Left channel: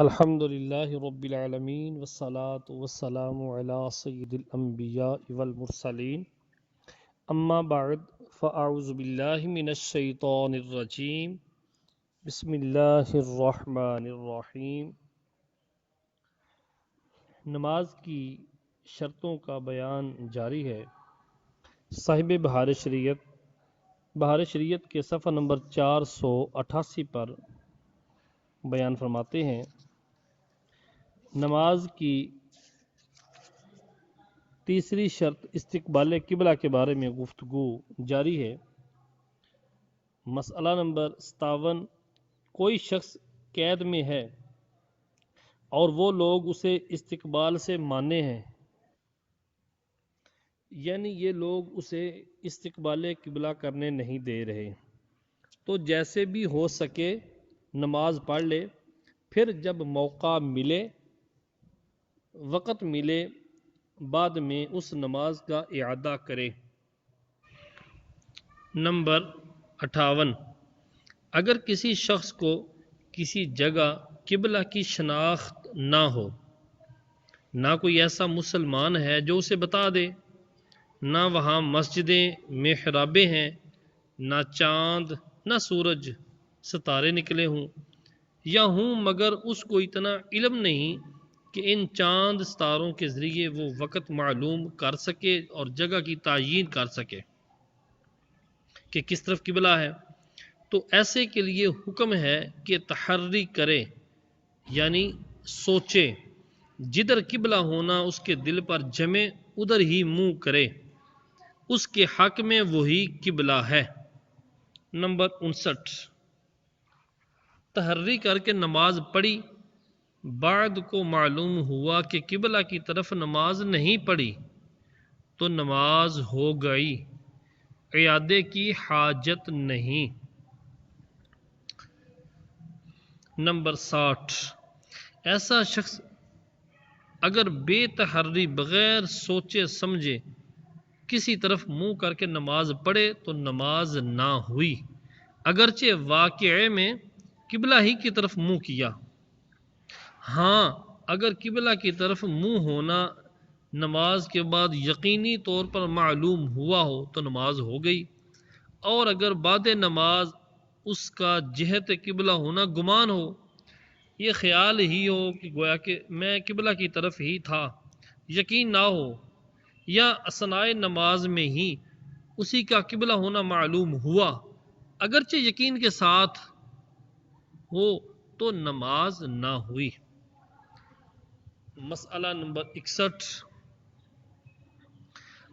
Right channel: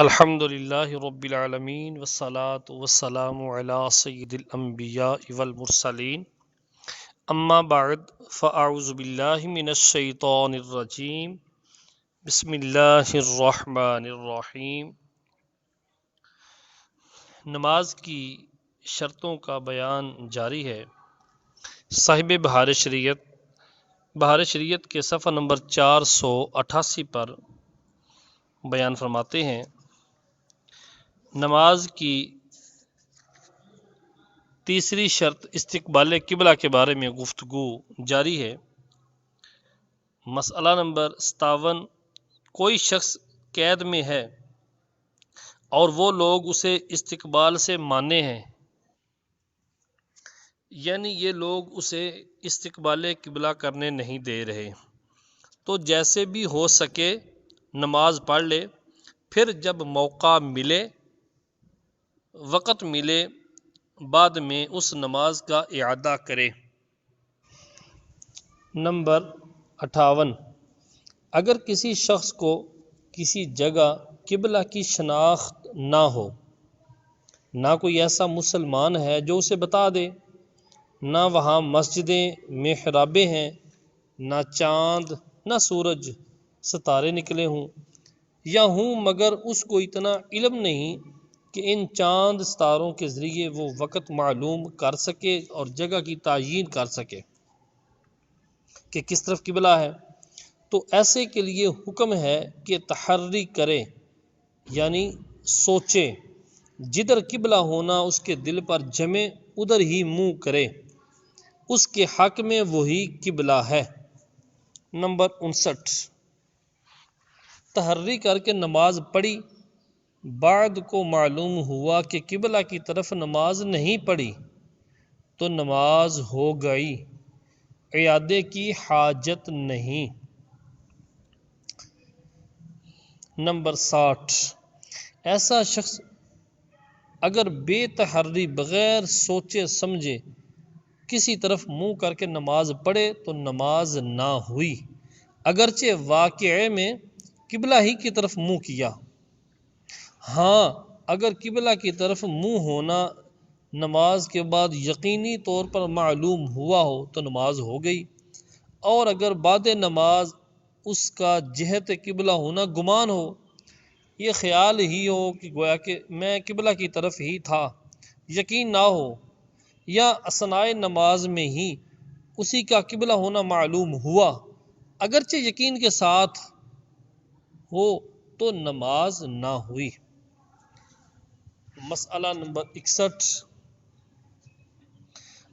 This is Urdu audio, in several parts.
الحمد للہ رب العالمین والصلاة والسلام علی سید الانبیاء والمرسلین اما بعد فاعوذ باللہ من الشیطان الرجیم بسم اللہ الرحمن الرحیم۔ نماز کی شرطوں کا بیان جاری ہے۔ صاحب بہار شریعت کے صفحہ نمبر 488 پر بیان فرماتے ہیں، نماز کی تیسری شرط استقبال قبلہ کے بارے میں گفتگو جاری ہے۔ مسئلہ نمبر 57، کوئی شخص قید میں ہے اور وہ لوگ اسے استقبال سے مانے ہیں، یعنی یہ لوگ اسے استقبال قبلہ کرنے نہیں دے رہے، تو جیسے بھی ہو سکے نماز پڑھ لے، پھر جب موقع ملے، وقت ملے، بعد میں اس نماز کا اعادہ کرے۔ نمبر 58، اگر کسی شخص کو کسی جگہ قبلہ کی شناخت نہ ہو، نہ کوئی ایسا مسلمان ہے جو اسے بتا دے، نہ وہاں مسجدیں محرابیں ہیں، نہ چاند نہ سورج ستارے نکلے ہوں، یا ہوں مگر اس کو اتنا علم نہیں کہ ان چاند ستاروں کے ذریعے وہ وقت معلوم کر سکے اور جگہ کی تعیین کر سکے کہ کس طرف قبلہ ہے، تو ایسے کے لیے حکم ہے کہ تحری کرے، یعنی سوچے، جدھر قبلہ ہونا اس کے دل پر جمے ادھر ہی منہ کرے، اس کے حق میں وہی قبلہ ہے۔ نمبر 59، تحری کر کے نماز پڑھی، بعد کو معلوم ہوا کہ قبلہ کی طرف نماز نہیں پڑھی، تو نماز ہو گئی، اعادے کی حاجت نہیں۔ نمبر 60، ایسا شخص اگر بے تحری بغیر سوچے سمجھے کسی طرف منہ کر کے نماز پڑھے تو نماز نہ ہوئی، اگرچہ واقعے میں قبلہ ہی کی طرف منہ کیا۔ ہاں، اگر قبلہ کی طرف منہ ہونا نماز کے بعد یقینی طور پر معلوم ہوا ہو تو نماز ہو گئی، اور اگر بعد نماز اس کا جہت قبلہ ہونا گمان ہو، یہ خیال ہی ہو کہ گویا کہ میں قبلہ کی طرف ہی تھا، یقین نہ ہو، یا اثناء نماز میں ہی اسی کا قبلہ ہونا معلوم ہوا، اگرچہ یقین کے ساتھ ہو، تو نماز نہ ہوئی۔ مسئلہ نمبر 61،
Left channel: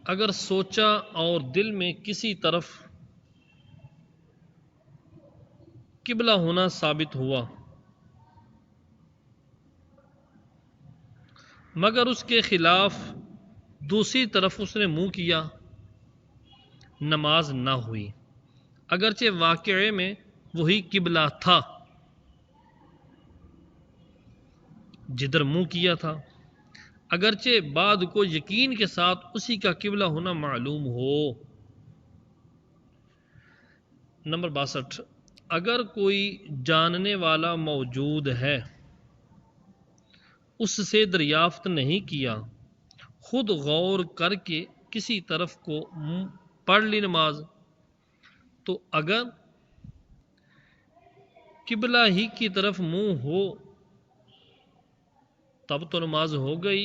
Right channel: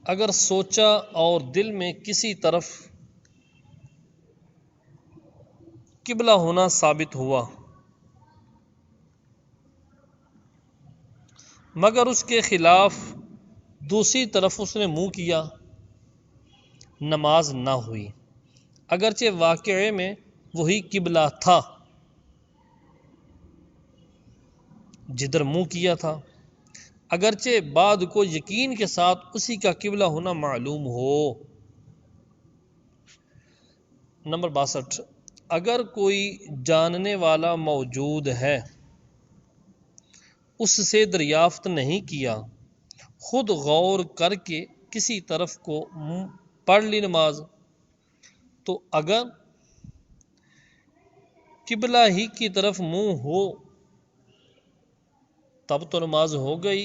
اگر سوچا اور دل میں کسی طرف قبلہ ہونا ثابت ہوا مگر اس کے خلاف دوسری طرف اس نے منہ کیا، نماز نہ ہوئی، اگرچہ واقعے میں وہی قبلہ تھا جدھر منہ کیا تھا، اگرچہ بعد کو یقین کے ساتھ اسی کا قبلہ ہونا معلوم ہو۔ نمبر 62، اگر کوئی جاننے والا موجود ہے، اس سے دریافت نہیں کیا، خود غور کر کے کسی طرف کو پڑھ لی نماز، تو اگر قبلہ ہی کی طرف منہ ہو تب تو نماز ہو گئی،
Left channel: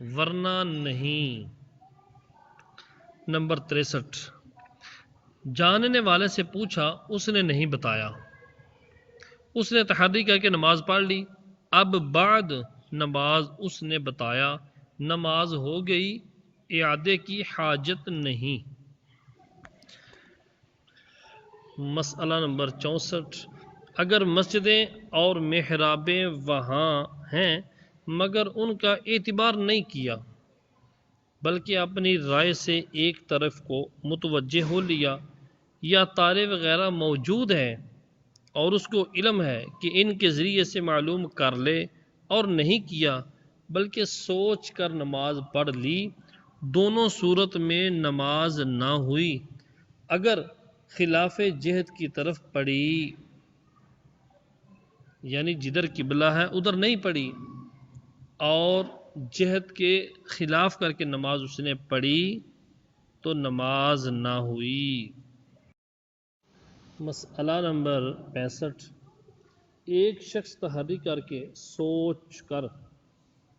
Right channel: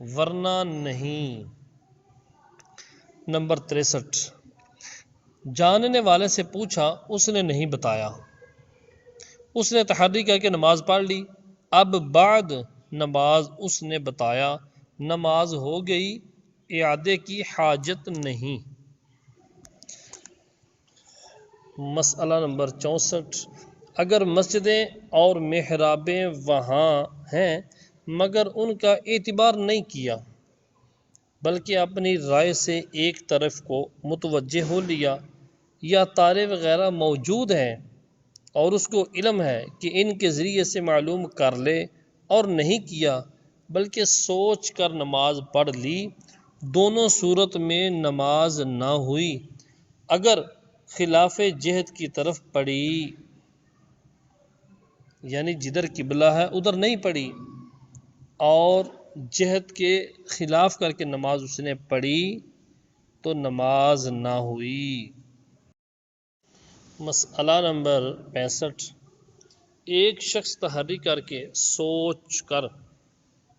ورنہ نہیں۔ نمبر 63، جاننے والے سے پوچھا، اس نے نہیں بتایا، اس نے تحری کر کے نماز پڑھ لی، اب بعد نماز اس نے بتایا، نماز ہو گئی، اعادے کی حاجت نہیں۔ مسئلہ نمبر 64، اگر مسجدیں اور محرابیں وہاں ہیں مگر ان کا اعتبار نہیں کیا، بلکہ اپنی رائے سے ایک طرف کو متوجہ ہو لیا، یا تارے وغیرہ موجود ہیں اور اس کو علم ہے کہ ان کے ذریعے سے معلوم کر لے، اور نہیں کیا بلکہ سوچ کر نماز پڑھ لی، دونوں صورت میں نماز نہ ہوئی، اگر خلاف جہت کی طرف پڑھی۔ یعنی جدھر قبلہ ہے ادھر نہیں پڑھی اور جہت کے خلاف کر کے نماز اس نے پڑھی تو نماز نہ ہوئی۔ مسئلہ نمبر 65، ایک شخص تحری کر کے سوچ کر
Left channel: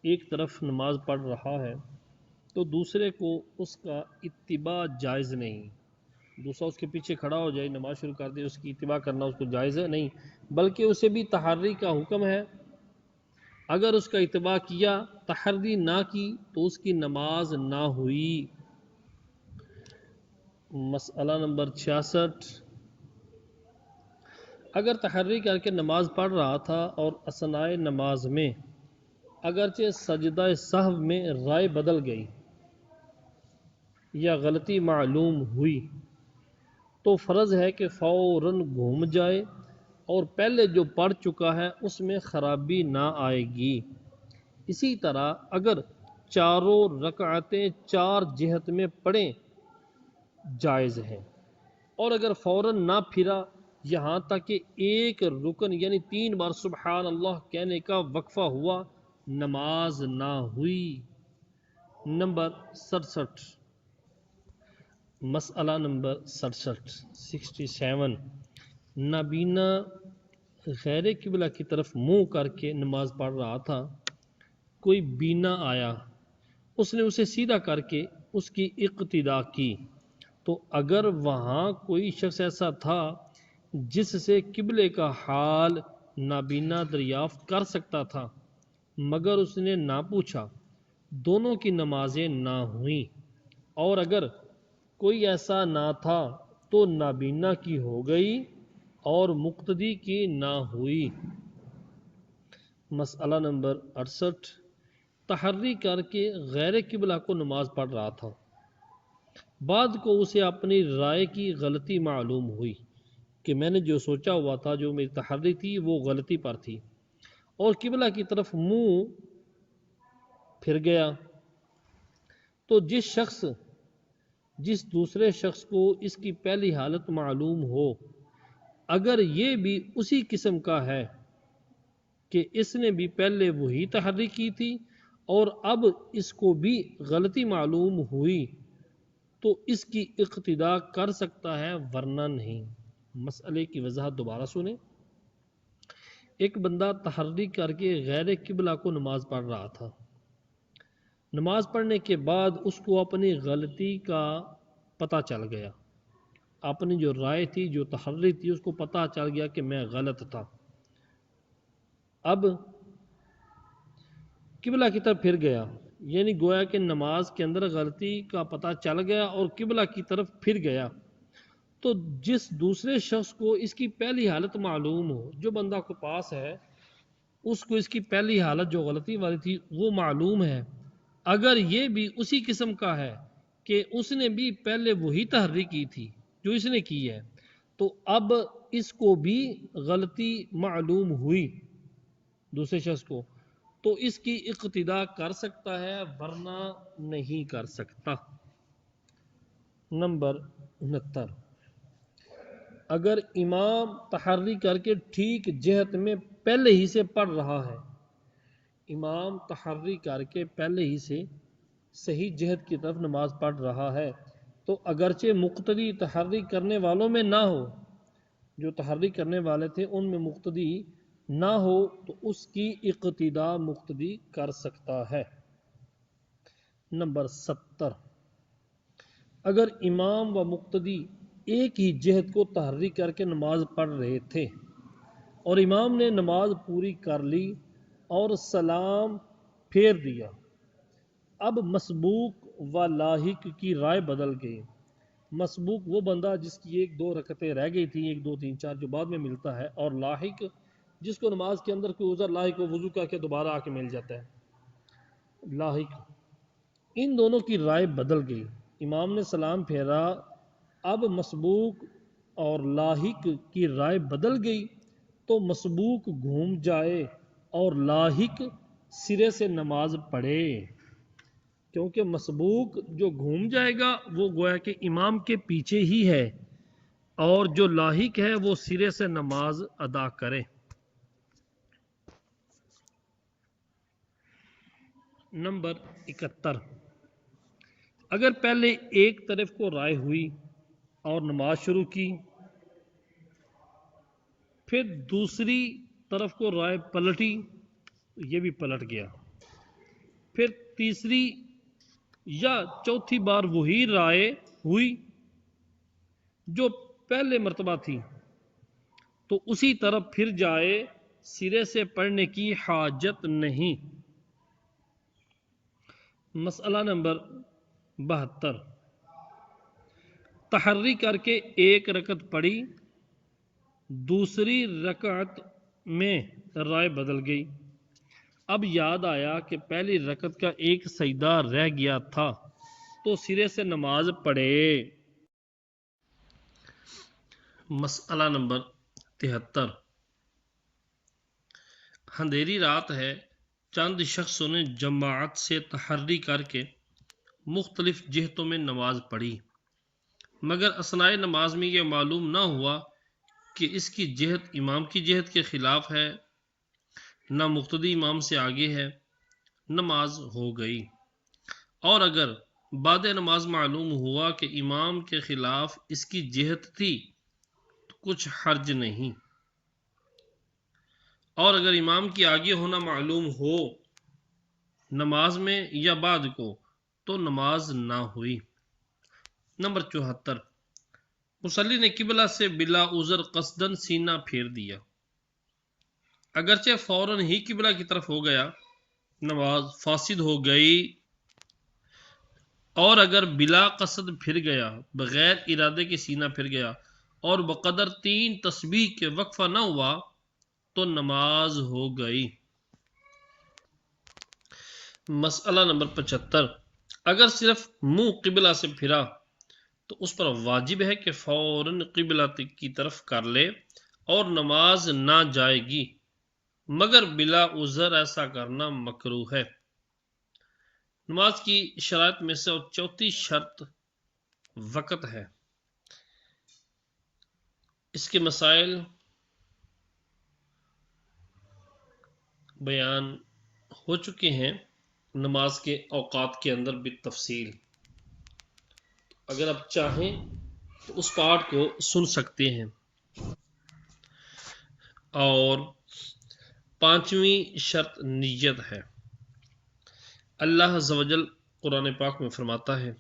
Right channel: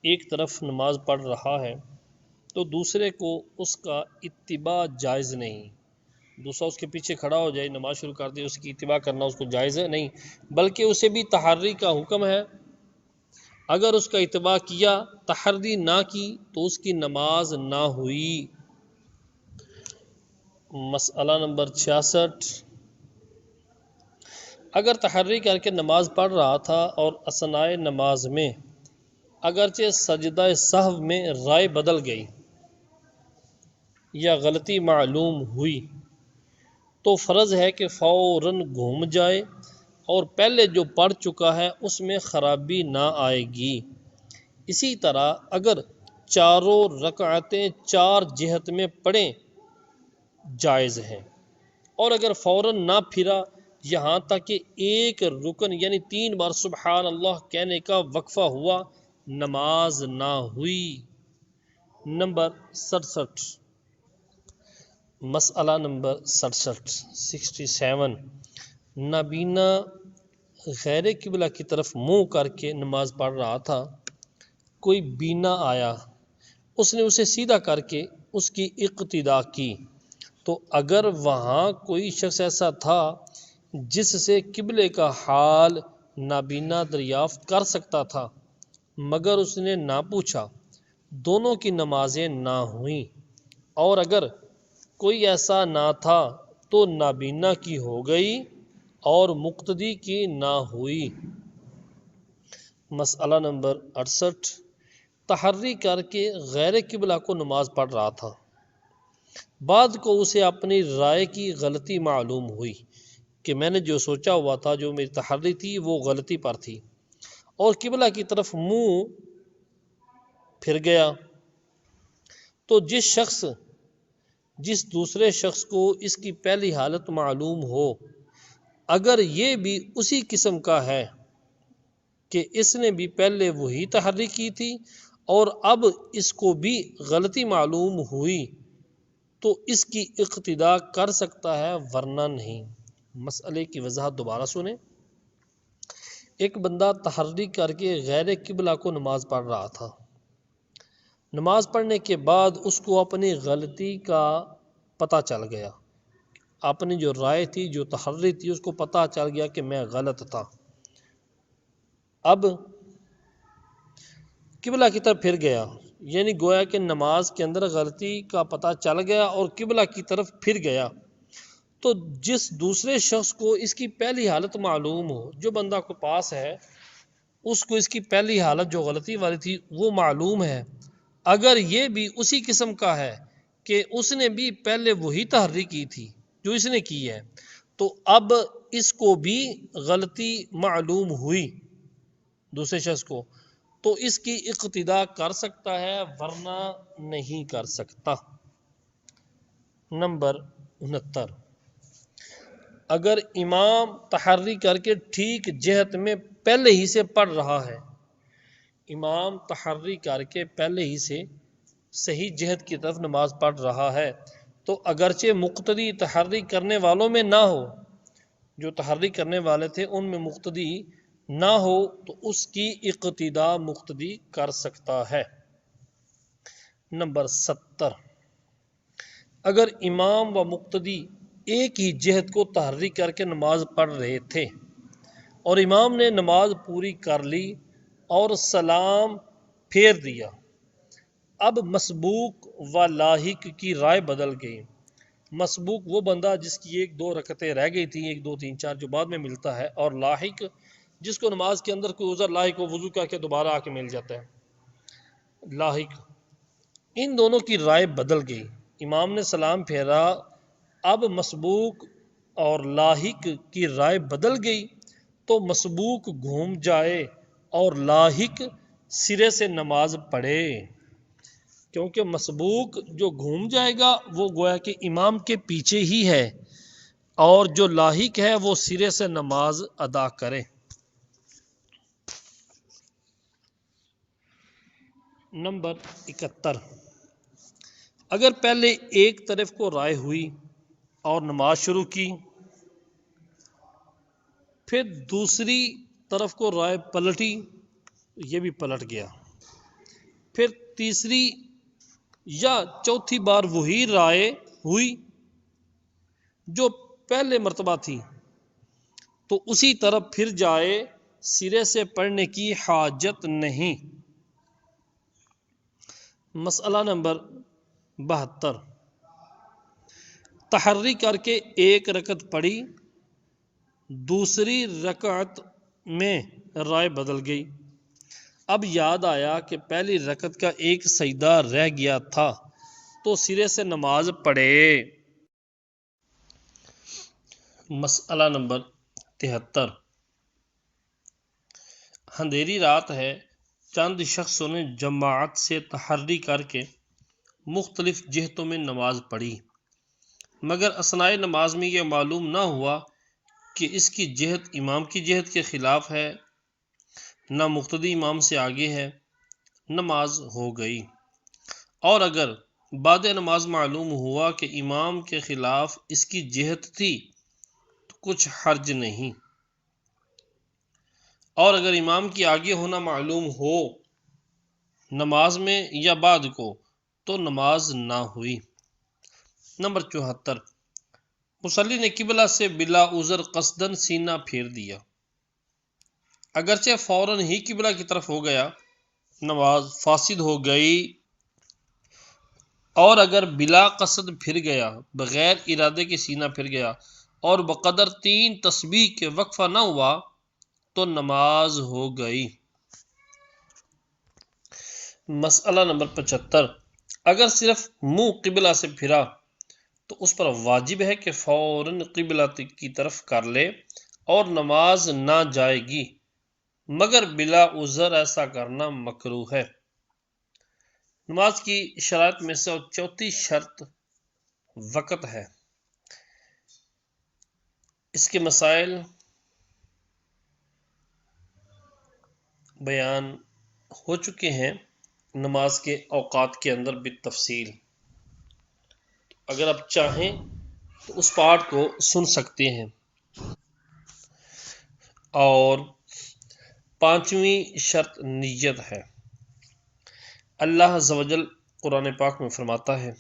ایک طرف نماز پڑھ رہا ہے تو دوسرے کو اس کا اتباع جائز نہیں۔ دوسرا اس کے پیچھے کھڑا ہو جائے، نماز شروع کر دے، اس کی اتباع کرنا اس کو جائز ہے نہیں، بلکہ اسے بھی تحری کا حکم ہے۔ اگر اس کا اتباع کیا، تحری نہ کی تو اس کی نماز نہ ہوئی۔ مسئلہ نمبر 66، اگر تحری کر کے نماز پڑھ رہا تھا اور اثناء نماز میں اگرچہ سجدہ سہو میں رائے بدل گئی یا غلطی معلوم ہوئی تو فرض ہے کہ فوراً گھوم جائے اور پہلے جو پڑھ چکا ہے اس میں خرابی نہ آئے گی۔ اسی طرح اگر چاروں رکعتیں 4 جہت میں پڑھیں جائز ہیں، اور اگر فوراً نہ پھرا یہاں تک کہ ایک رکن یعنی 3 بار سبحان اللہ کہنے کا وقفہ ہوا، نماز نہ ہوئی۔ نمبر 67، مسئلہ نمبر 67، نابینا غیر قبلہ کی طرف منہ کر کے نماز پڑھ رہا تھا، کوئی بینا آیا، اس نے اسے سیدھا کر کے اس کی اقتداء کی، تو اگر وہاں کوئی شخص ایسا تھا جس سے قبلے کا حال نابینا دریافت کر سکتا تھا مگر اس نے نہ پوچھا، دونوں کی نمازیں نہ ہوئیں، اور اگر کوئی ایسا نہ تھا تو نابینا کی ہو گئی اور مقتدی کی نہ ہوئی۔ مسئلہ نمبر 68، تحری کر کے غیر قبلہ کو نماز پڑھ رہا تھا، بعد کو اسے اپنی رائے کی غلطی معلوم ہوئی کہ میں نے جو سوچا ہوا تھا، جو میری تحری تھی وہ غلطی پر تھی، اور قبلہ کی طرف منہ پھر گیا، تو جس دوسرے شخص کو اس کی پہلی حالت معلوم ہو، اگر یہ بھی اسی قسم کا ہے کہ اس نے بھی پہلے وہی تحری کی تھی اور اب اس کو بھی غلطی معلوم ہوئی، تو اس کی اقتداء کر سکتا ہے ورنہ نہیں۔ مسئلے کی وضاحت دوبارہ سنیں۔ ایک بندہ تحری کر کے غیر قبلہ کو نماز پڑھ رہا تھا، نماز پڑھنے کے بعد اس کو اپنی غلطی کا پتہ چل گیا، اپنی جو رائے تھی، جو تحری تھی، اس کو پتہ چل گیا کہ میں غلط تھا، اب قبلہ کی طرف پھر گیا، یعنی گویا کہ نماز کے اندر غلطی کا پتہ چل گیا اور قبلہ کی طرف پھر گیا، تو جس دوسرے شخص کو اس کی پہلی حالت معلوم ہو، جو بندہ کو پاس ہے اس کو اس کی پہلی حالت جو غلطی والی تھی وہ معلوم ہے، اگر یہ بھی اسی قسم کا ہے کہ اس نے بھی پہلے وہی تحری کی تھی جو اس نے کی ہے، تو اب اس کو بھی غلطی معلوم ہوئی دوسرے شخص کو، تو اس کی اقتداء کر سکتا ہے ورنہ نہیں کر سکتا۔ نمبر 69، اگر امام تحری کر کے ٹھیک جہت میں پہلے ہی سے پڑھ رہا ہے، امام تحری کر کے پہلے ہی سے صحیح جہت کی طرف نماز پڑھ رہا ہے، تو اگرچہ مقتدی تحری کرنے والوں میں نہ ہو، جو تحری کرنے والے تھے ان میں مقتدی نہ ہو، تو اس کی اقتداء مقتدی کر سکتا ہے۔ نمبر 70، اگر امام و مقتدی ایک ہی جہت کو تحری کر کے نماز پڑھ رہے تھے اور امام نے نماز پوری کر لی اور سلام پھیر دیا، اب مسبوق و لاحق کی رائے بدل گئی۔ مسبوق وہ بندہ جس کی 1-2 رکعتیں رہ گئی تھیں، 1 2 3 4 جو بعد میں ملتا ہے، اور لاحق جس کو نماز کے اندر کوئی عذر لاحق ہو، وضو کر کے دوبارہ آ کے مل جاتا ہے لاحق، ان دونوں کی رائے بدل گئی، امام نے سلام پھیرا، اب مسبوق اور لاحق کی رائے بدل گئی، تو مسبوق گھوم جائے اور لاحق سرے سے نماز پڑھے، کیونکہ مسبوق جو گھوم جائے گا وہ گویا کہ امام کے پیچھے ہی ہے، اور جو لاحق ہے وہ سرے سے نماز ادا کرے۔ نمبر 71، اگر پہلے ایک طرف کو رائے ہوئی اور نماز شروع کی، پھر دوسری طرف کو رائے پلٹی، یہ بھی پلٹ گیا، پھر تیسری یا چوتھی بار وہی رائے ہوئی جو پہلے مرتبہ تھی، تو اسی طرف پھر جائے، سرے سے پڑھنے کی حاجت نہیں۔ مسئلہ نمبر 72، تحری کر کے ایک رکعت پڑھی، دوسری رکعت میں رائے بدل گئی، اب یاد آیا کہ پہلی رکعت کا ایک سجدہ رہ گیا تھا، تو سرے سے نماز پڑھے۔ مسئلہ نمبر 73، اندھیری رات ہے، چند شخصوں نے جماعت سے تحری کر کے مختلف جہتوں میں نماز پڑھی، مگر اثناء نماز میں یہ معلوم نہ ہوا کہ اس کی جہت امام کی جہت کے خلاف ہے، نہ مقتدی امام سے آگے ہے، نماز ہو گئی۔ اور اگر بعد نماز معلوم ہوا کہ امام کے خلاف اس کی جہت تھی تو کچھ حرج نہیں، اور اگر امام کی آگے ہونا معلوم ہو نماز میں یا بعد کو تو نماز نہ ہوئی۔ نمبر 74، مصلی نے قبلہ سے بلا عذر قصدن سینہ پھیر دیا، اگرچہ فوراً ہی قبلہ کی طرف ہو گیا، نماز فاسد ہو گئی۔ اور اگر بلا قصد پھر گیا، بغیر ارادے کے سینہ پھر گیا اور بقدر 3 تسبیح کے وقفہ نہ ہوا تو نماز ہو گئی۔ مسئلہ نمبر 75، اگر صرف منہ قبلہ سے پھرا تو اس پر واجب ہے کہ فوراً قبلہ کی طرف کر لے اور نماز نہ جائے گی، مگر بلا عذر ایسا کرنا مکروہ ہے۔ نماز کی شرائط میں سے چوتھی شرط وقت ہے۔ اس کے مسائل بیان ہو چکے ہیں نماز کے اوقات کے اندر بالتفصیل، اگر آپ چاہیں تو اس پارٹ کو سن سکتے ہیں۔ اور 5ویں شرط نیت ہے۔ اللہ عز و جل قرآن پاک میں فرماتا ہے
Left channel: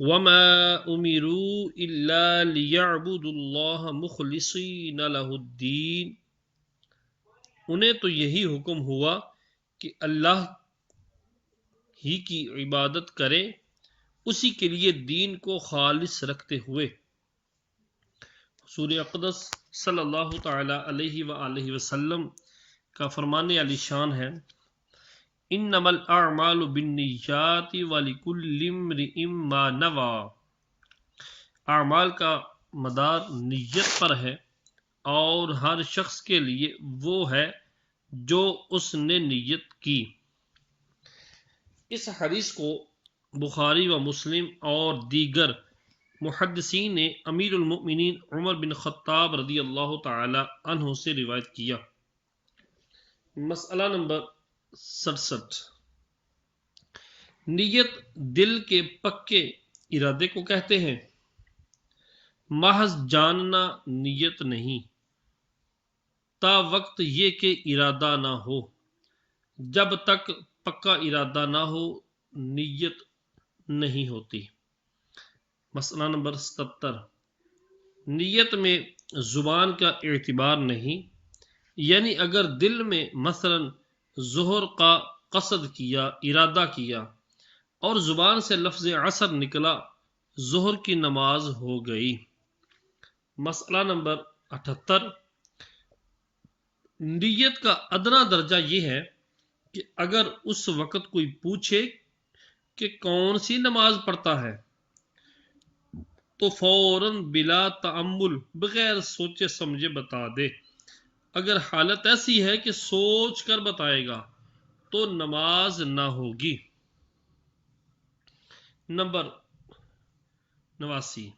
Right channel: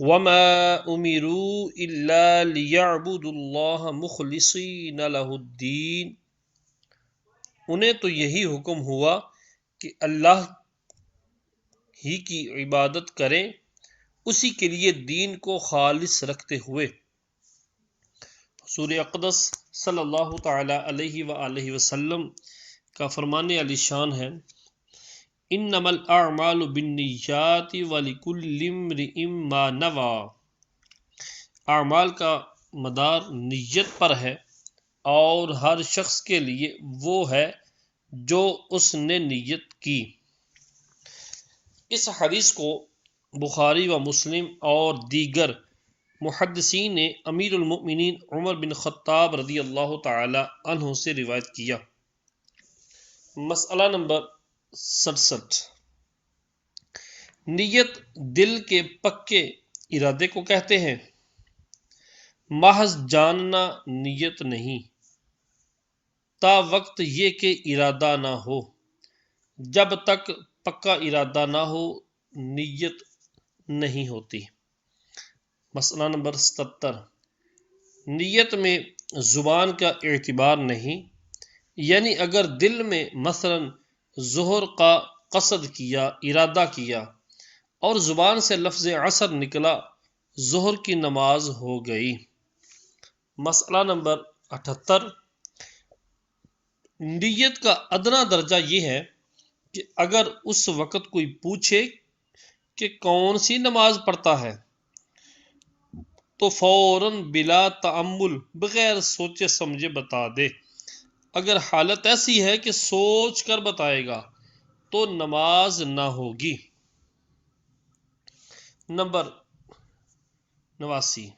وَمَا أُمِرُوا إِلَّا لِيَعْبُدُوا اللَّهَ مُخْلِصِينَ لَهُ الدِّينَ، انہیں تو یہی حکم ہوا کہ اللہ ہی کی عبادت کریں، اسی کے لیے دین کو خالص رکھتے ہوئے۔ حضور اقدس صلی اللہ تعالی علیہ وآلہ وسلم کا فرمان علی شان ہے انما الاعمال بالنیات ولکل امرئ ما نوی، اعمال کا مدار نیت پر ہے اور ہر شخص کے لیے وہ ہے جو اس نے نیت کی۔ اس حدیث کو بخاری و مسلم اور دیگر محدثین نے امیر المؤمنین عمر بن خطاب رضی اللہ تعالی عنہ سے روایت کیا۔ مسئلہ نمبر 67، نیت دل کے پکے ارادے کو کہتے ہیں، محض جاننا نیت نہیں، تا وقت یہ کہ ارادہ نہ ہو، جب تک پکا ارادہ نہ ہو نیت نہیں ہوتی۔ مسئلہ نمبر 77، نیت میں زبان کا اعتبار نہیں، یعنی اگر دل میں مثلا ظہر کا قصد کیا، ارادہ کیا اور زبان سے لفظ عصر نکلا، ظہر کی نماز ہو گئی۔ مسئلہ نمبر 78، نیت کا ادنا درجہ یہ ہے کہ اگر اس وقت کوئی پوچھے کہ کون سی نماز پڑھتا ہے تو فوراً بلا تأمل بغیر سوچے سمجھے بتا دے۔ اگر حالت ایسی ہے کہ سوچ کر بتائے گا تو نماز نہ ہوگی۔ نمبر 89،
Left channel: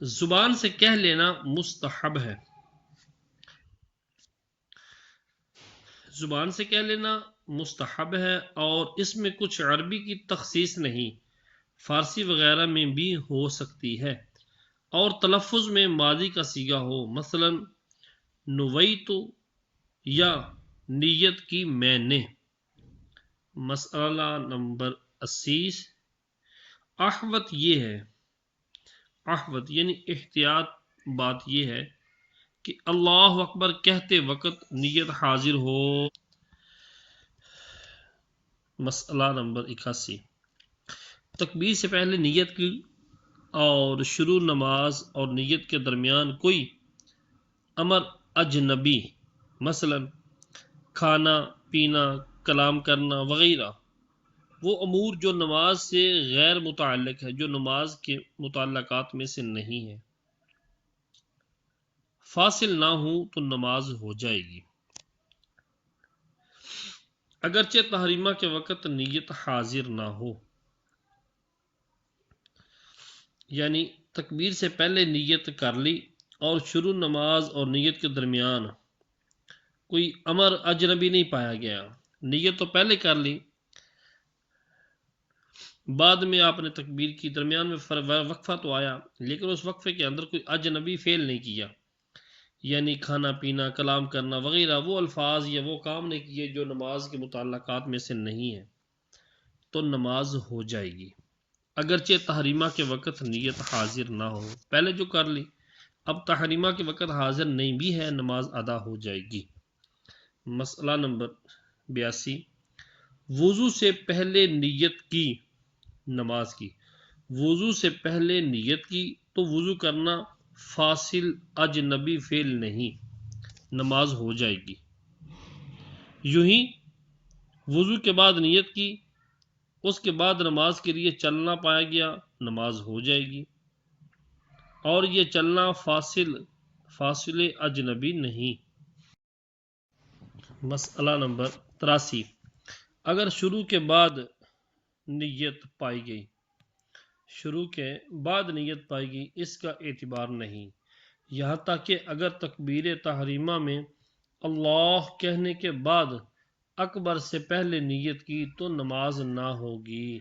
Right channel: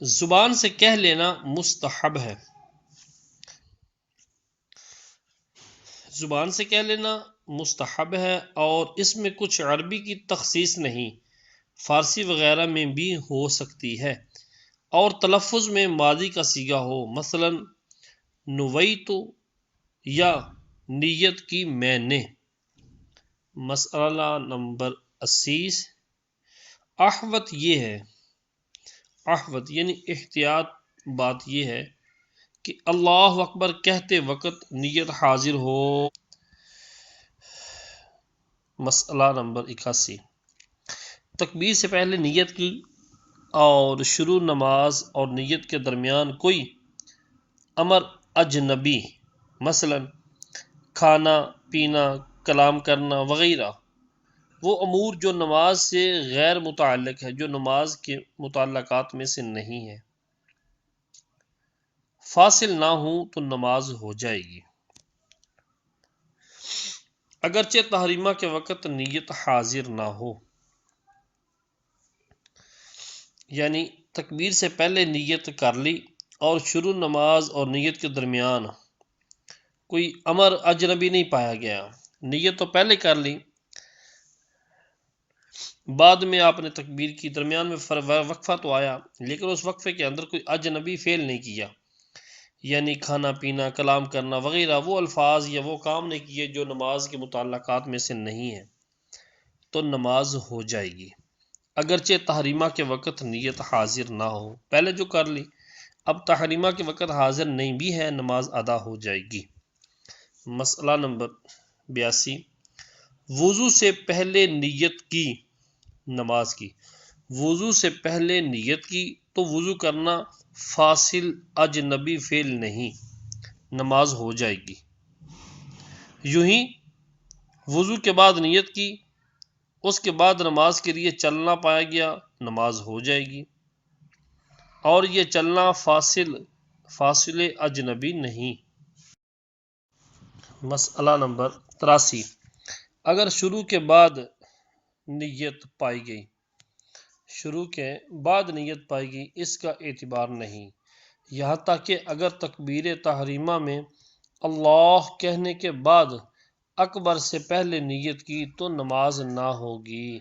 زبان سے کہہ لینا مستحب ہے، زبان سے کہہ لینا مستحب ہے اور اس میں کچھ عربی کی تخصیص نہیں، فارسی وغیرہ میں بھی ہو سکتی ہے، اور تلفظ میں ماضی کا صیغہ ہو، مثلا نویتو یا نیت کی میں نے۔ مسئلہ نمبر 80، احوت یہ ہے، احوت یعنی احتیاط بات یہ ہے کہ اللہ اکبر کہتے وقت نیت حاضر ہو۔ مسئلہ نمبر 81، تکبیر سے پہلے نیت کی اور شروع نماز اور نیت کے درمیان کوئی امر اجنبی، مثلا کھانا پینا، کلام کرنا وغیرہ، وہ امور جو نماز سے غیر متعلق ہے، جو نماز کے متعلقات میں سے نہیں ہے، فاصل نہ ہوں تو نماز ہو جائے گی، اگرچہ تحریمہ کے وقت نیت حاضر نہ ہو۔ یعنی تکبیر سے پہلے نیت کر لی اور شروع نماز اور نیت کے درمیان کوئی امر اجنبی نہیں پایا گیا، نیت تو پہلے کر لی، بعد میں آپ نے تکبیر کی، درمیان میں وقفہ تو آیا لیکن اس وقفے کے اندر کوئی اجنبی فعل نہیں کیا، یعنی کھانا پینا، کلام کرنا وغیرہ، وہ الفاظ یا وہ کام نہیں کیے جو نماز کے متعلقات میں سے نہیں ہیں، تو نماز ہو جائے گی، اگرچہ تحریمہ کے وقت نیت حاضر نہ ہو۔ پہلے جو کر لی، اب تحریمہ کے وقت حاضر نہیں بھی ہے، نماز ادا ہو جائے گی۔ مسئلہ نمبر 82، وضو سے پہلے نیت کی، نماز کی وضو سے پہلے نیت کی تو وضو کرنا فاصل اجنبی فعل نہیں، نماز ہو جائے گی۔ یوں ہی وضو کے بعد نیت کی، اس کے بعد نماز کے لیے چلنا پایا گیا، نماز ہو جائے گی، اور یہ چلنا فاصل اجنبی نہیں۔ مسئلہ نمبر 83، اگر شروع کے بعد نیت پائی گئی، شروع کے بعد نیت پائی گئی، اس کا اعتبار نہیں، یہاں تک کہ اگر تکبیر تحریمہ میں اللہ کہنے کے بعد اکبر سے پہلے نیت کی تو نماز نہ ہوگی۔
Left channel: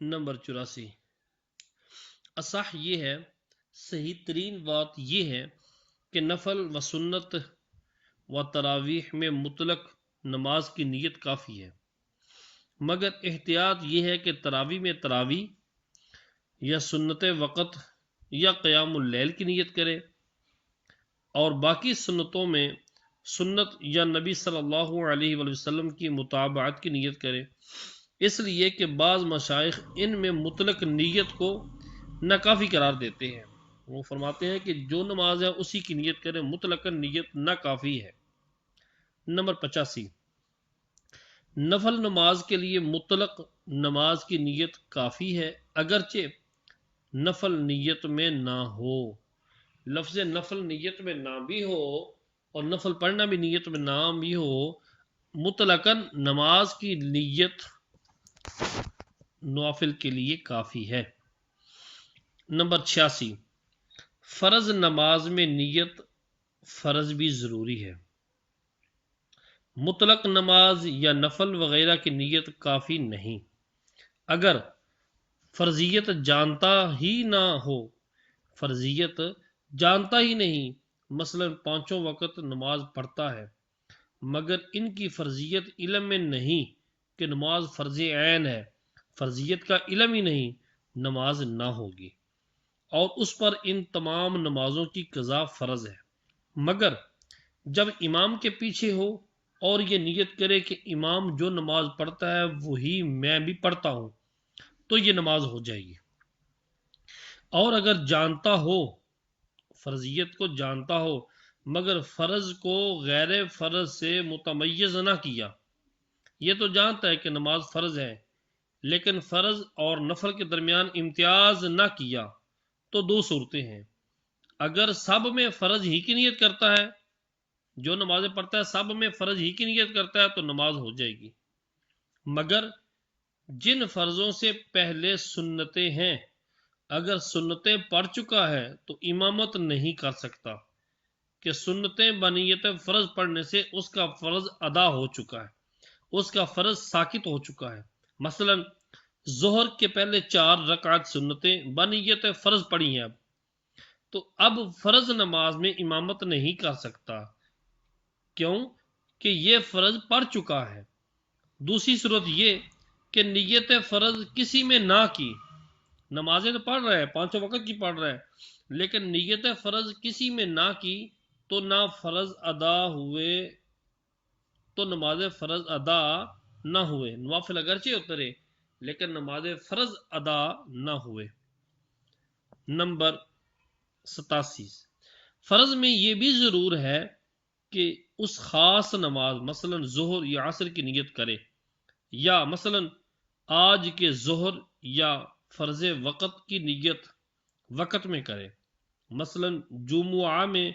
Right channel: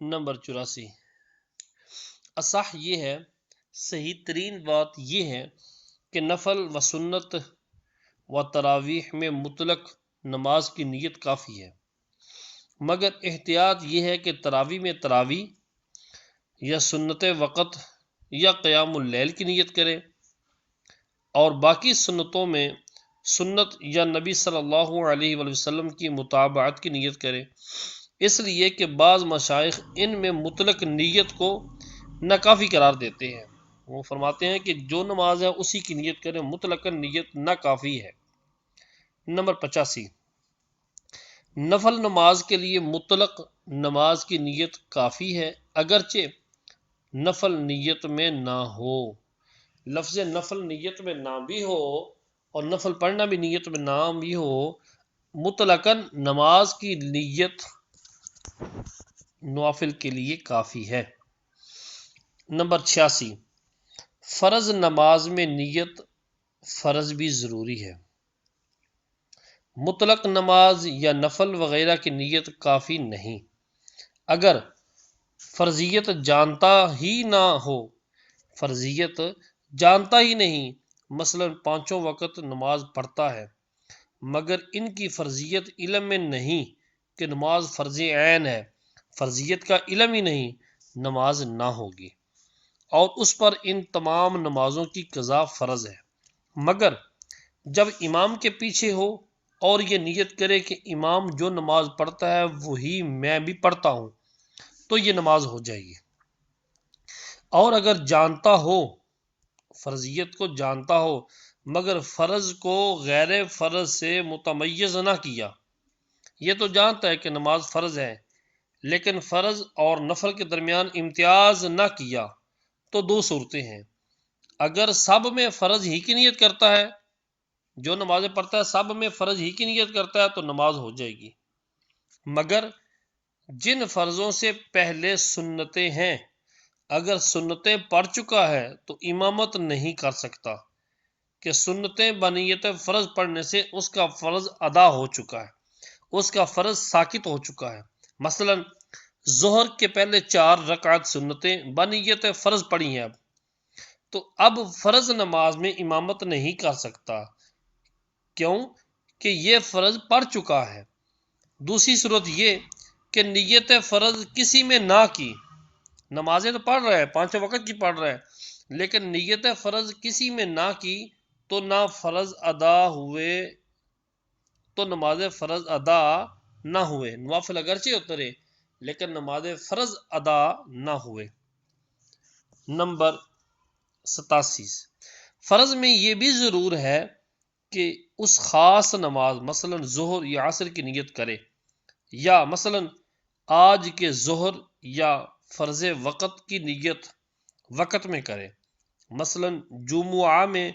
نمبر 84، اصح یہ ہے، صحیح ترین بات یہ ہے کہ نفل و سنت و تراویح میں مطلق نماز کی نیت کافی ہے، مگر احتیاط یہ ہے کہ تراویح میں تراویح یا سنت وقت یا قیام اللیل کی نیت کرے، اور باقی سنتوں میں سنت یا نبی صلی اللہ علیہ وآلہ وسلم کی متابعت کی نیت کرے، اس لیے کہ بعض مشائخ ان میں مطلق نیت کو ناکافی قرار دیتے ہیں، وہ فرماتے ہیں کہ جو نماز ہے اسی کی نیت کرے، مطلق نیت ناکافی ہے۔ نمبر 85، نفل نماز کے لیے مطلق نماز کی نیت کافی ہے، اگرچہ نفل نیت میں نہ ہو۔ لفظ نفل نیت میں نہ بھی ہو اور نفل پڑھنا بھی نیت میں نہ بھی ہو، مطلقاً نماز کی نیت نوافل کے لیے کافی ہے۔ نمبر 86، فرض نماز میں نیت فرض بھی ضروری ہے، مطلق نماز یا نفل وغیرہ کی نیت کافی نہیں، اگر فرضیت جانتا ہی نہ ہو، فرضیت جانتا ہی نہیں، مثلا پانچوں وقت نماز پڑھتا ہے مگر ان کی فرضیت علم میں نہیں کہ نماز فرض عین ہے، فرضیت کا علم ہی نہیں، نماز نہ ہوگی، اور اس پر ان تمام نمازوں کی قضا فرض ہے، مگر جب امام کے پیچھے ہو اور یہ نیت کرے کہ امام جو نماز پڑھتا ہے وہی میں بھی پڑھتا ہوں، تو یہ نماز ہو جائے گی، اور اگر جانتا ہو، فرضیت کو جانتا ہو مگر فرض کو غیر فرض سے متمیز نہ کیا، یہ تو جانتا ہے کہ نماز فرض ہے لیکن فرض اور نفل کے درمیان امتیاز نہ کیا، تو دو صورتیں ہیں، اگر سب میں فرض ہی کی نیت کرتا ہے، جو نمازیں پڑھتا ہے سب میں فرض ہی کی نیت کرتا ہے تو نماز ہو جائے گی، مگر جن فرضوں سے پہلے سنتیں ہیں، اگر سنتیں پڑھ چکا ہے تو امامت نہیں کر سکتا، کہ سنتیں بنیت فرض پڑھنے سے اس کا فرض ادا ہو چکا ہے، اس کا فرض ساقط ہو چکا ہے۔ مثلا ظہر کے پہلے 4 رکعت سنتیں بنیت فرض پڑھی ہیں تو اب فرض نماز میں امامت نہیں کر سکتا، کیوں کہ یہ فرض پڑھ چکا ہے۔ دوسری صورت یہ کہ نیت فرض کسی میں نہ کی، نمازیں تو پڑھ رہا ہے، 5 وقت کی پڑھ رہا ہے، لیکن نیت فرض کسی میں نہ کی تو نہ فرض ادا ہوئے، تو نماز فرض ادا نہ ہوئے، نوافل اگرچہ اترے لیکن نماز فرض ادا نہ ہوئے۔ نمبر 87، فرض میں یہ بھی ضرور ہے کہ اس خاص نماز مثلا ظہر یا عصر کی نیت کرے، یا مثلا آج کے ظہر یا فرض وقت کی نیت وقت میں کرے۔ مثلا جمعہ میں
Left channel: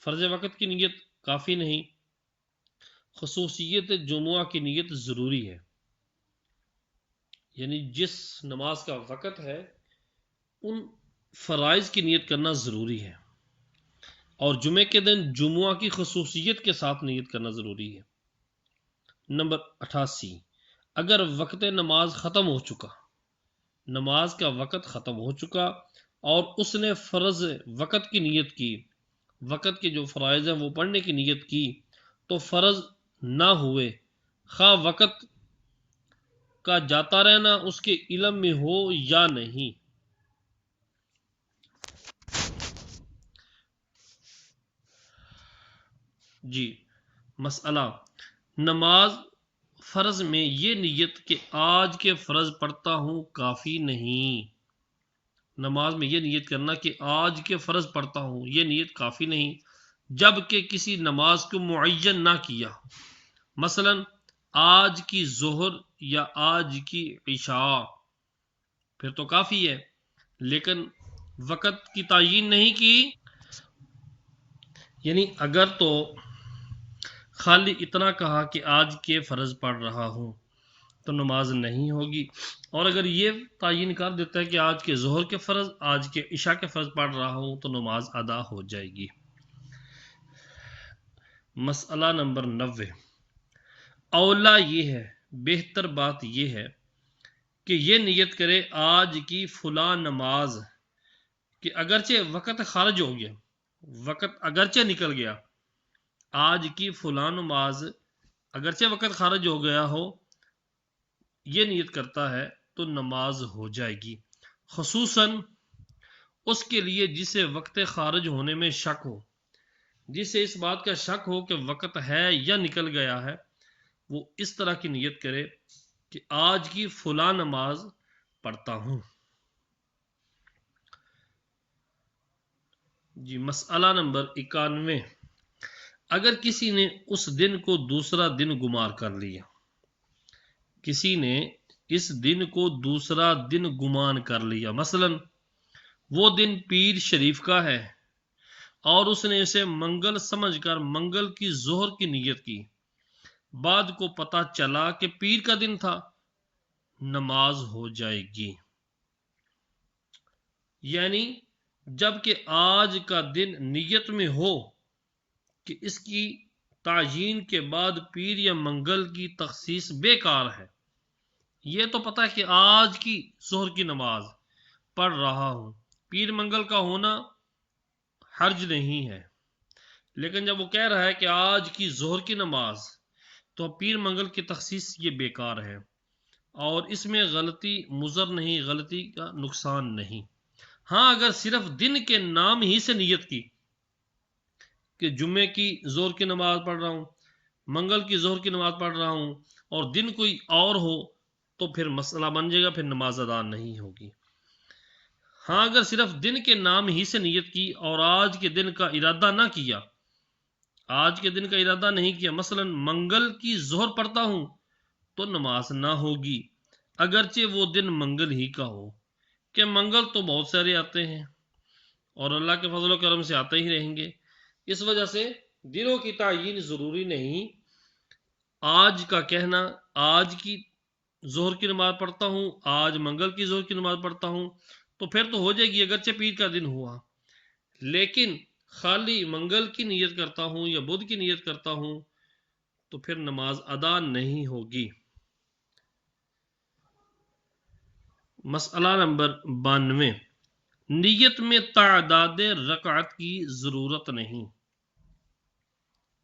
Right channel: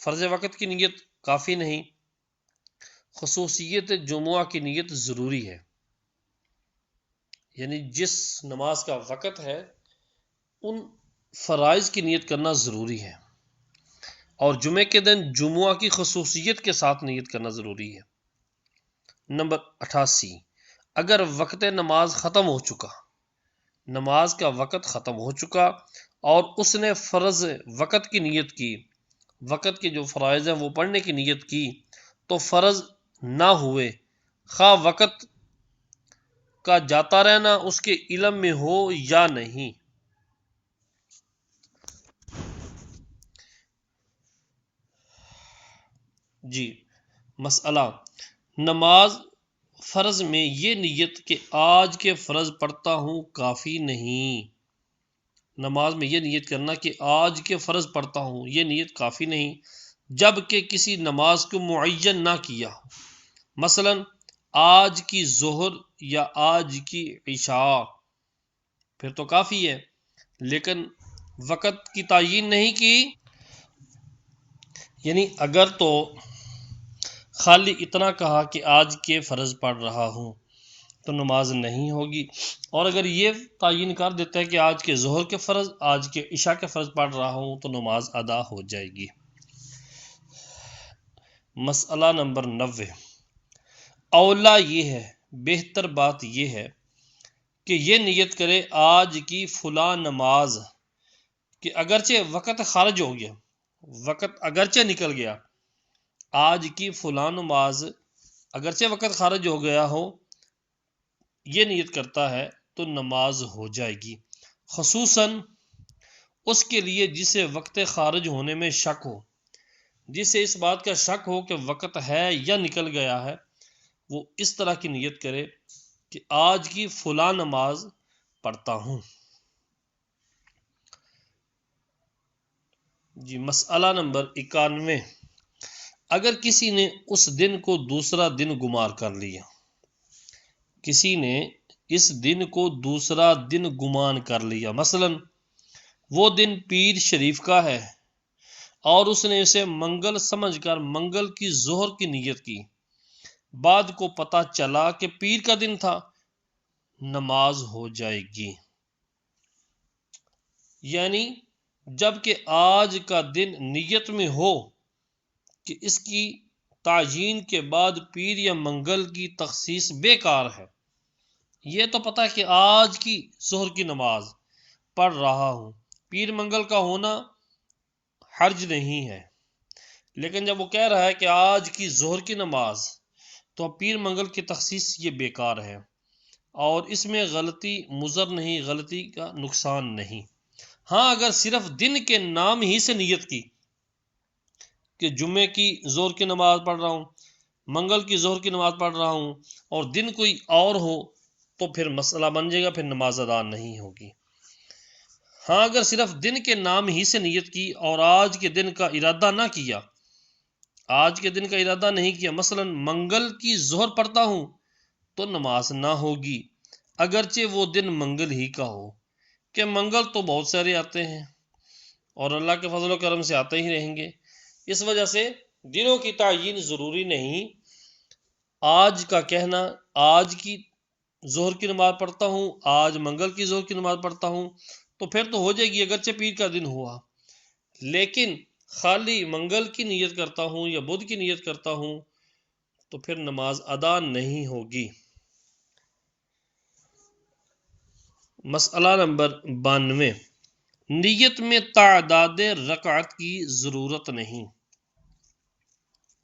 فرض وقت کی نیت کافی نہیں، خصوصیت جمعہ کی نیت ضروری ہے، یعنی جس نماز کا وقت ہے ان فرائض کی نیت کرنا ضروری ہے، اور جمعے کے دن جمعہ کی خصوصیت کے ساتھ نیت کرنا ضروری ہے۔ نمبر 88، اگر وقت نماز ختم ہو چکا، نماز کا وقت ختم ہو چکا اور اس نے فرض وقت کی نیت کی، وقت کے جو فرائض ہیں وہ پڑھنے کی نیت کی، تو فرض نہ ہوئے، خواہ وقت کا جاتا رہنا اس کے علم میں ہو یا نہیں۔ جی مسئلہ، نماز فرض میں یہ نیت کہ آج کے فرض پڑھتا ہوں کافی نہیں، نماز میں یہ نیت کرنا کہ آج کے فرض پڑھتا ہوں یہ نیت کافی نہیں، جب کہ کسی نماز کو معین نہ کیا، مثلا آج کی ظہر یا آج کی عشاء، پھر تو کافی ہے، لیکن وقت کی تعیین نہیں کی، یعنی اگر تو خالی اتنا کہا کہ آج کے فرض پڑھ رہا ہوں تو نماز نہیں ہوگی، اور اگر یہ تعین کر دیتا ہے کہ آج کے ظہر کے فرض، آج کے عشاء کے فرض پڑھ رہا ہوں تو نماز ادا ہو جائے گی۔ مسئلہ نمبر 90، اولا یہ ہے، بہتر بات یہ ہے کہ یہ نیت کرے آج کی فلاں نماز، کہ اگرچہ وقت خارج ہو گیا، وقت اگرچہ نکل گیا، آج کی فلاں نماز اگرچہ وقت خارج ہو گیا ہو، یہ نیت کرتا ہے تو نماز ہو جائے گی، خصوصاً اس کے لیے جسے وقت خارج ہونے میں شک ہو، جسے اس بات کا شک ہو کہ وقت ہے یا نکل گیا ہے، وہ اس طرح کی نیت کرے کہ آج کی فلاں نماز پڑھتا ہوں۔ جی مسئلہ نمبر 91، اگر کسی نے اس دن کو دوسرا دن گمار کر لیا، کسی نے اس دن کو دوسرا دن گمان کر لیا، مثلا وہ دن پیر شریف کا ہے اور اس نے اسے منگل سمجھ کر منگل کی ظہر کی نیت کی، بعد کو پتہ چلا کہ پیر کا دن تھا، نماز ہو جائے گی، یعنی جب کہ آج کا دن نیت میں ہو کہ اس کی تعیین کے بعد پیر یا منگل کی تخصیص بیکار ہے، یہ تو پتہ ہے کہ آج کی ظہر کی نماز پڑھ رہا ہوں، پیر منگل کا ہونا حرج نہیں ہے، لیکن جب وہ کہہ رہا ہے کہ آج کی ظہر کی نماز، تو پیر منگل کی تخصیص یہ بیکار ہے، اور اس میں غلطی مضر نہیں، غلطی کا نقصان نہیں۔ ہاں اگر صرف دن کے نام ہی سے نیت کی کہ جمعے کی ظہر کی نماز پڑھ رہا ہوں، منگل کی ظہر کی نماز پڑھ رہا ہوں، اور دن کوئی اور ہو تو پھر مسئلہ بن جائے گا، پھر نماز ادا نہیں ہوگی۔ ہاں اگر صرف دن کے نام ہی سے نیت کی اور آج کے دن کا ارادہ نہ کیا، آج کے دن کا ارادہ نہیں کیا، مثلا منگل کی ظہر پڑھتا ہوں، تو نماز نہ ہوگی، اگرچہ وہ دن منگل ہی کا ہو، کہ منگل تو بہت سارے آتے ہیں اور اللہ کے فضل و کرم سے آتے ہی رہیں گے، اس وجہ سے دنوں کی تعیین ضروری نہیں۔ آج کا کہنا آج کی ظہر کی نماز پڑھتا ہوں، آج منگل کی ظہر کی نماز پڑھتا ہوں، تو پھر تو ہو جائے گی اگرچہ پیر کا دن ہوا، لیکن خالی منگل کی نیت کرتا ہوں یا بدھ کی نیت کرتا ہوں تو پھر نماز ادا نہیں ہوگی۔ مسئلہ نمبر 92، نیت میں تعداد رکعت کی ضرورت نہیں،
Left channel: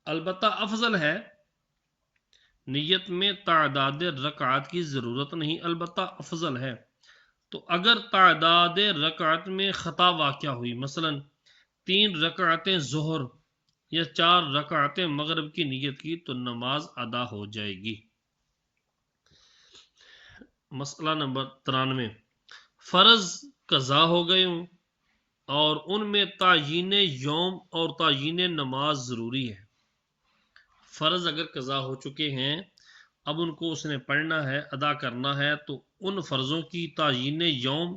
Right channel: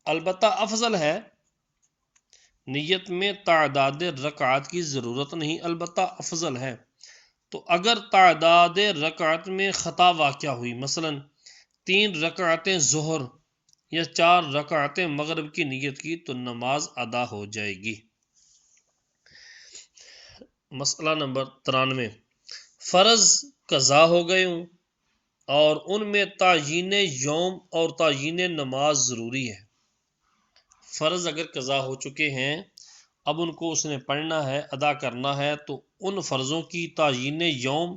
البتہ افضل ہے۔ نیت میں تعداد رکعت کی ضرورت نہیں، البتہ افضل ہے۔ تو اگر تعداد رکعت میں خطا واقع ہوئی، مثلا 3 رکعتیں ظہر یا 4 رکعتیں مغرب کی نیت کی، تو نماز ادا ہو جائے گی۔ مسئلہ نمبر 93، فرض قضا ہو گئے ہوں اور ان میں تعیین یوم اور تعیین نماز ضروری ہے۔ فرض اگر قضا ہو چکے ہیں، اب ان کو اس نے پڑھنا ہے، ادا کرنا ہے، تو ان فرضوں کی تعیین یوم،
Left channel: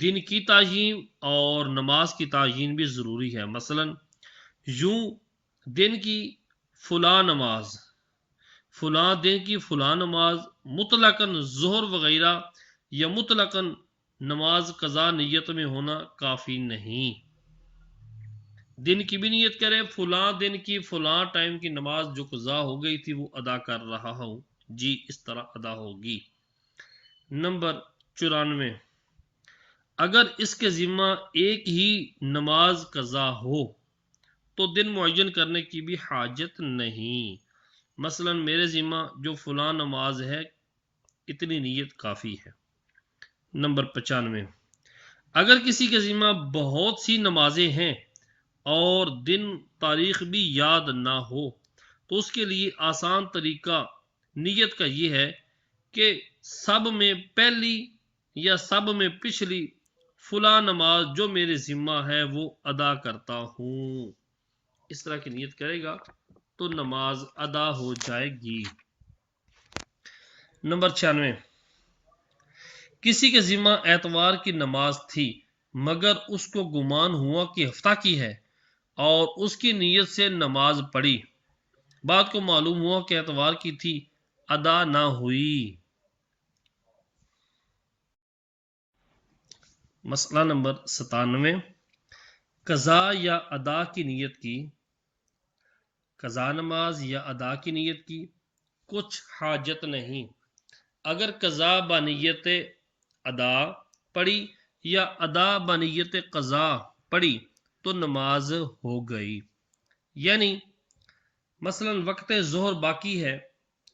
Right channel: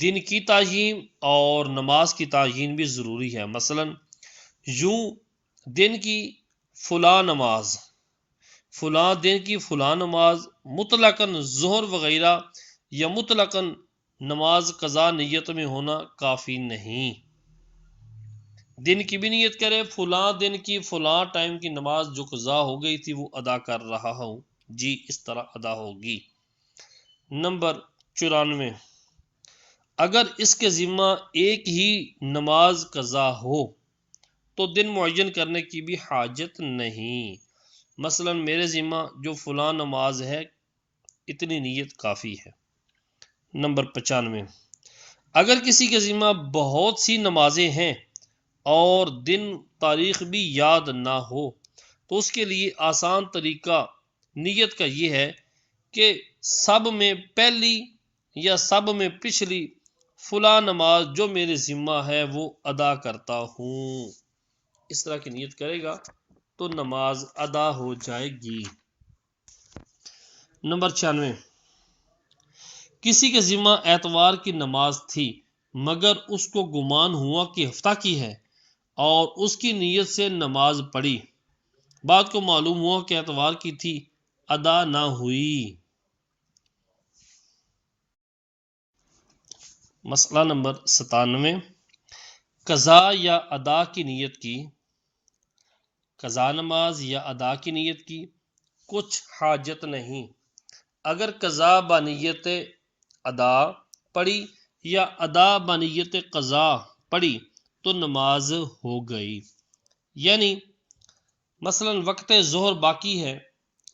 دن کی تعیین اور نماز کی تعیین بھی ضروری ہے۔ مثلا یوں دن کی فلاں نماز، فلاں دن کی فلاں نماز، مطلقاً ظہر وغیرہ یا مطلقاً نماز قضا نیت میں ہونا کافی نہیں۔ دن کی بھی نیت کرے، فلاں دن کی فلاں ٹائم کی نماز جو قضا ہو گئی تھی وہ ادا کر رہا ہوں، جی اس طرح ادا ہوگی۔ نمبر 94، اگر اس کے ذمہ ایک ہی نماز قضا ہو تو دن معین کرنے کی بھی حاجت نہیں۔ مثلا میرے ذمہ جو فلاں نماز ہے، اتنی نیت کافی ہے۔ نمبر 95، اگر کسی کے ذمہ بہت سی نمازیں ہیں اور دن تاریخ بھی یاد نہ ہو تو اس کے لیے آسان طریقہ نیت کا یہ ہے کہ سب میں پہلی یا سب میں پچھلی فلاں نماز جو میرے ذمہ ہے وہ ادا کرتا ہوں، اس طرح کی نیت کرے گا تو نماز ادا ہو جائے گی۔ نمبر 96، کسی کے ذمہ اتوار کی نماز تھی مگر اس کو گمان ہوا کہ ہفتہ کی ہے اور اس کی نیت سے نماز پڑھی، بعد کو معلوم ہوا کہ اتوار کی تھی، ادا نہ ہوئی۔ مسئلہ نمبر 97، قضا یا ادا کی نیت کی، قضا نماز یا ادا کی نیت کی کچھ حاجت نہیں۔ اگر قضا بنیت ادا پڑھی یا ادا بنیت قضا پڑھی تو نماز ہو گئی۔ یعنی مثلا وقت ظہر باقی ہے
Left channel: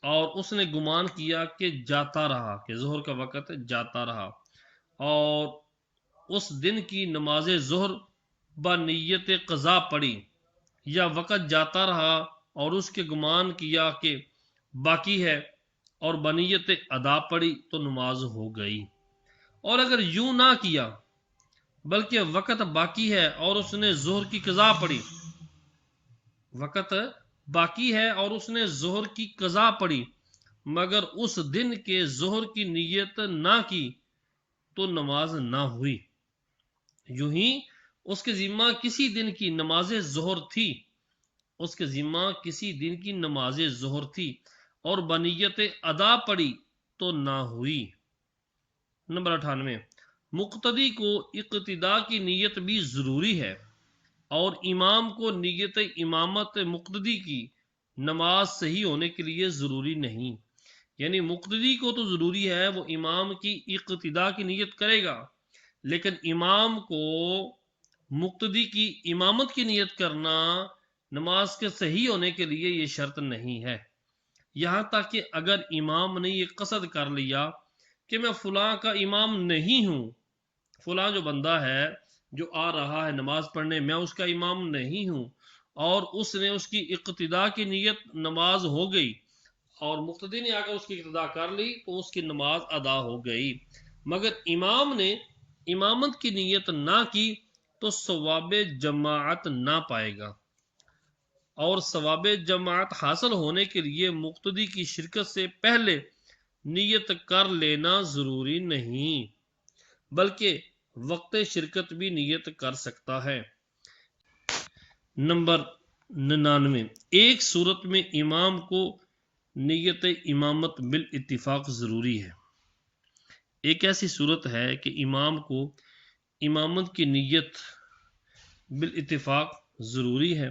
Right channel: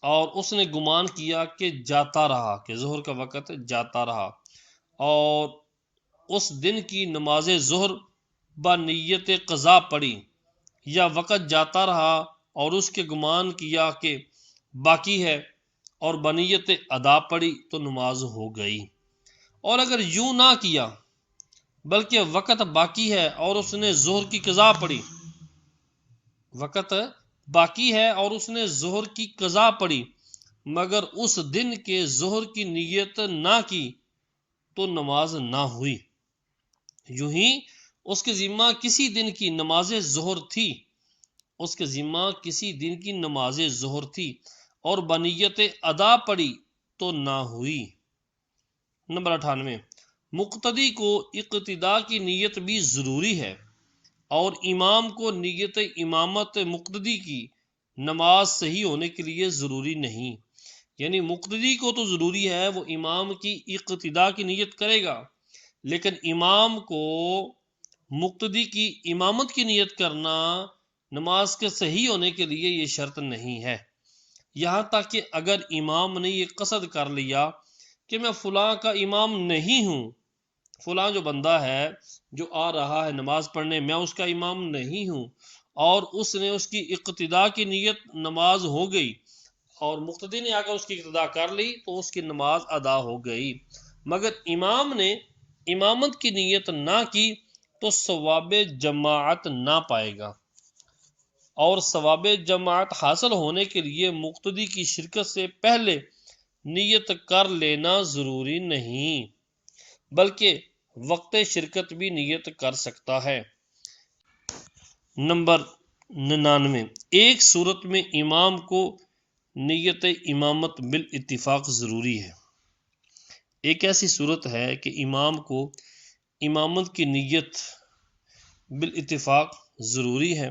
اور اس نے گمان کیا کہ جاتا رہا، کہ ظہر کا وقت جاتا رہا، اور اس دن کی نماز ظہر بنیت قضا پڑھی یا وقت جاتا رہا اور اس کے گمان کیا کہ باقی ہے اور بنیت ادا پڑھی تو نماز ہو گئی۔ اور اگر یوں نہ کیا بلکہ وقت باقی ہے اور اس نے ظہر کی قضا پڑھی، وقت باقی ہے اور اس نے ظہر کی قضا پڑھی مگر اس دن کے ظہر کی نیت نہ کی تو نماز نہ ہوئی۔ یوں ہی اس کے ذمہ کسی دن کی نماز ظہر تھی، اس کے ذمہ کسی دن کی نماز ظہر تھی اور بنیت ادا پڑھی تو نہ ہوئی۔ نمبر 98، مقتدی کو اقتداء کی نیت بھی ضروری ہے اور امام کو نیت امامت مقتدی کی نماز صحیح ہونے کے لیے ضروری نہیں۔ یعنی مقتدی کو تو ضروری ہے وہ امام کی اقتداء کی نیت کرے گا، لیکن امام کو مقتدی کی امامت کی نیت کرنا نماز کے صحیح ہونے کے لیے یہ شرط نہیں ہے۔ یہاں تک کہ اگر امام نے یہ قصد کر لیا کہ میں فلاں کا امام نہیں ہوں، فلاں جو بندہ ہے جو آ رہا ہے نماز پڑھنے، میں اس کا امام نہیں ہوں، اور اس نے اس کی اقتداء کی نیت نماز ہو گئی اور مقتدی نے آ کر اس کی اقتداء کر لی تو اس کی نماز ادا ہو گئی، مگر امام نے امامت کی نیت نہ کی تو ثواب جماعت نہ پائے گا، اور ثواب جماعت حاصل ہونے کے لیے مقتدی کی شرکت سے پہلے نیت کر لینا ضروری نہیں، بلکہ وقت شرکت بھی نیت کر سکتا ہے۔ نمبر 99، ایک صورت میں امام کو نیت امامت بالاتفاق ضروری ہے۔ ایک ایسی صورت ہے کہ امام کو امامت کی نیت بالاتفاق ضروری ہے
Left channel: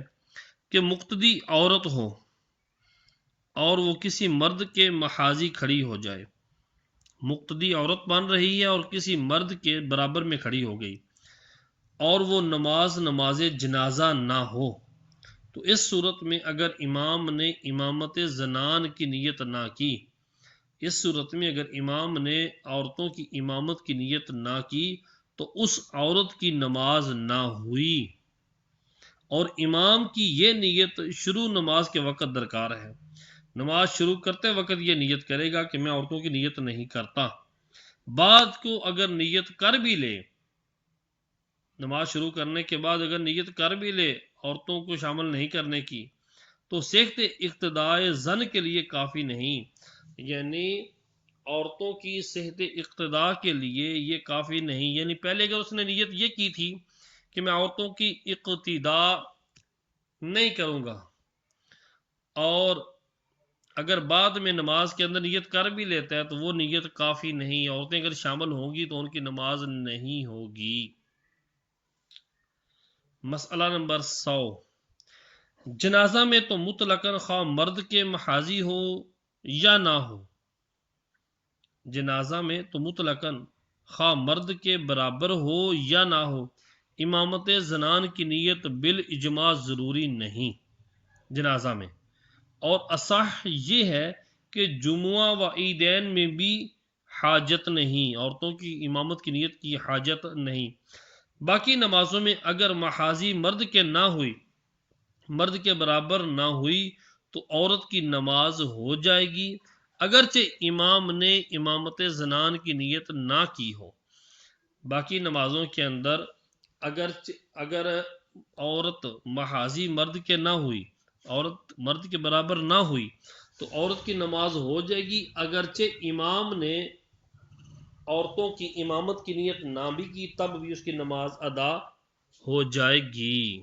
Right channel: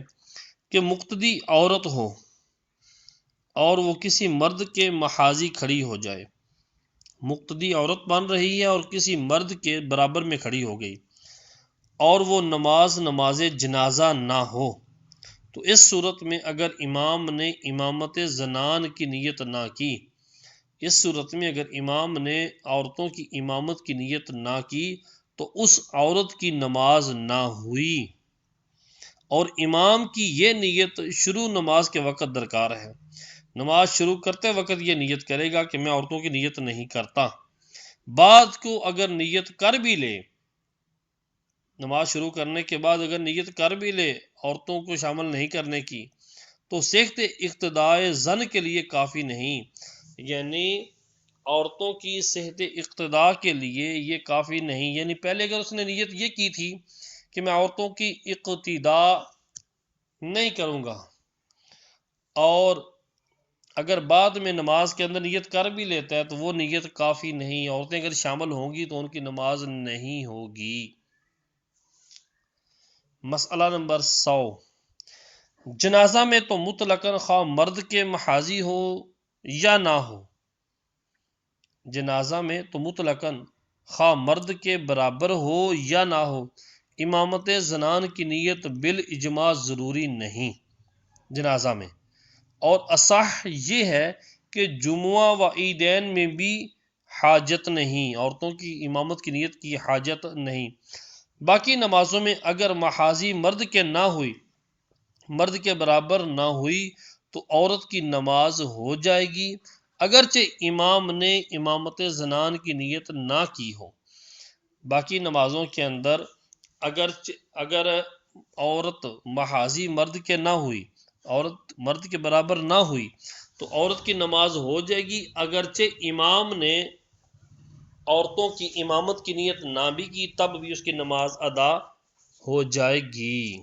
کہ مقتدی عورت ہو اور وہ کسی مرد کے محاذی کھڑی ہو جائے. مقتدی عورت بن رہی ہے اور کسی مرد کے برابر میں کھڑی ہو گئی اور وہ نماز جنازہ نہ ہو، تو اس صورت میں اگر امام نے امامت زنان کی نیت نہ کی، اس صورت میں اگر امام نے عورتوں کی امامت کی نیت نہ کی تو اس عورت کی نماز نہ ہوئی، اور امام کی یہ نیت شروع نماز کے وقت درکار ہے. نماز شروع کرتے وقت یہ نیت کرے گا کہ میں عورتوں کی نیت نہیں کرتا. بعد کو اگر نیت کر بھی لے، نماز شروع کرنے کے بعد اگر نیت کر بھی لے عورتوں کو شامل نہیں کرنے کی، تو صحت اقتداء زن کے لیے کافی نہیں، یعنی عورتوں کی صحت اقتداء کے لیے یہ کافی نہیں. یعنی پہلے اگر اس نے نیت یہ کی تھی کہ میں عورتوں کی اقتداء نہیں کروں گا، اور اگر بعد میں نماز کے اندر نیت کر بھی لیتا ہے تو وہ نیت کافی نہیں. عورتیں اگر شامل ہوں گی تو ان کی نماز نہیں ہوگی. مسئلہ نمبر 100. جنازہ میں تو مطلقاً خواہ مرد کے محاذی ہو یا نہ ہو، جنازہ میں تو مطلقاً خواہ مرد کے برابر ہو یا نہ ہو، امامت زنان کی نیت بالاجماع ضروری نہیں جنازہ میں. اور اصح یہ ہے کہ جمعہ و عیدین میں بھی حاجت نہیں، عورتوں کی امامت کی نیت کی حاجت نہیں. باقی نمازوں میں اگر محاذی مرد کے نہ ہوئی، مرد کے برابر نہ ہوئی، تو عورت کی نماز ہو جائے گی اگرچہ امام نے امامت زنان کی نیت نہ کی ہو. باقی نمازوں کے اندر اگر عورت محاذی مرد کے نہ ہوئی، عورت مرد کے برابر نہ ہوئی، تو عورت کی نماز ہو جائے گی اگرچہ امام نے عورتوں کی امامت کی نیت نہ بھی کی، تب بھی اس کی نماز ادا ہو جائے گی.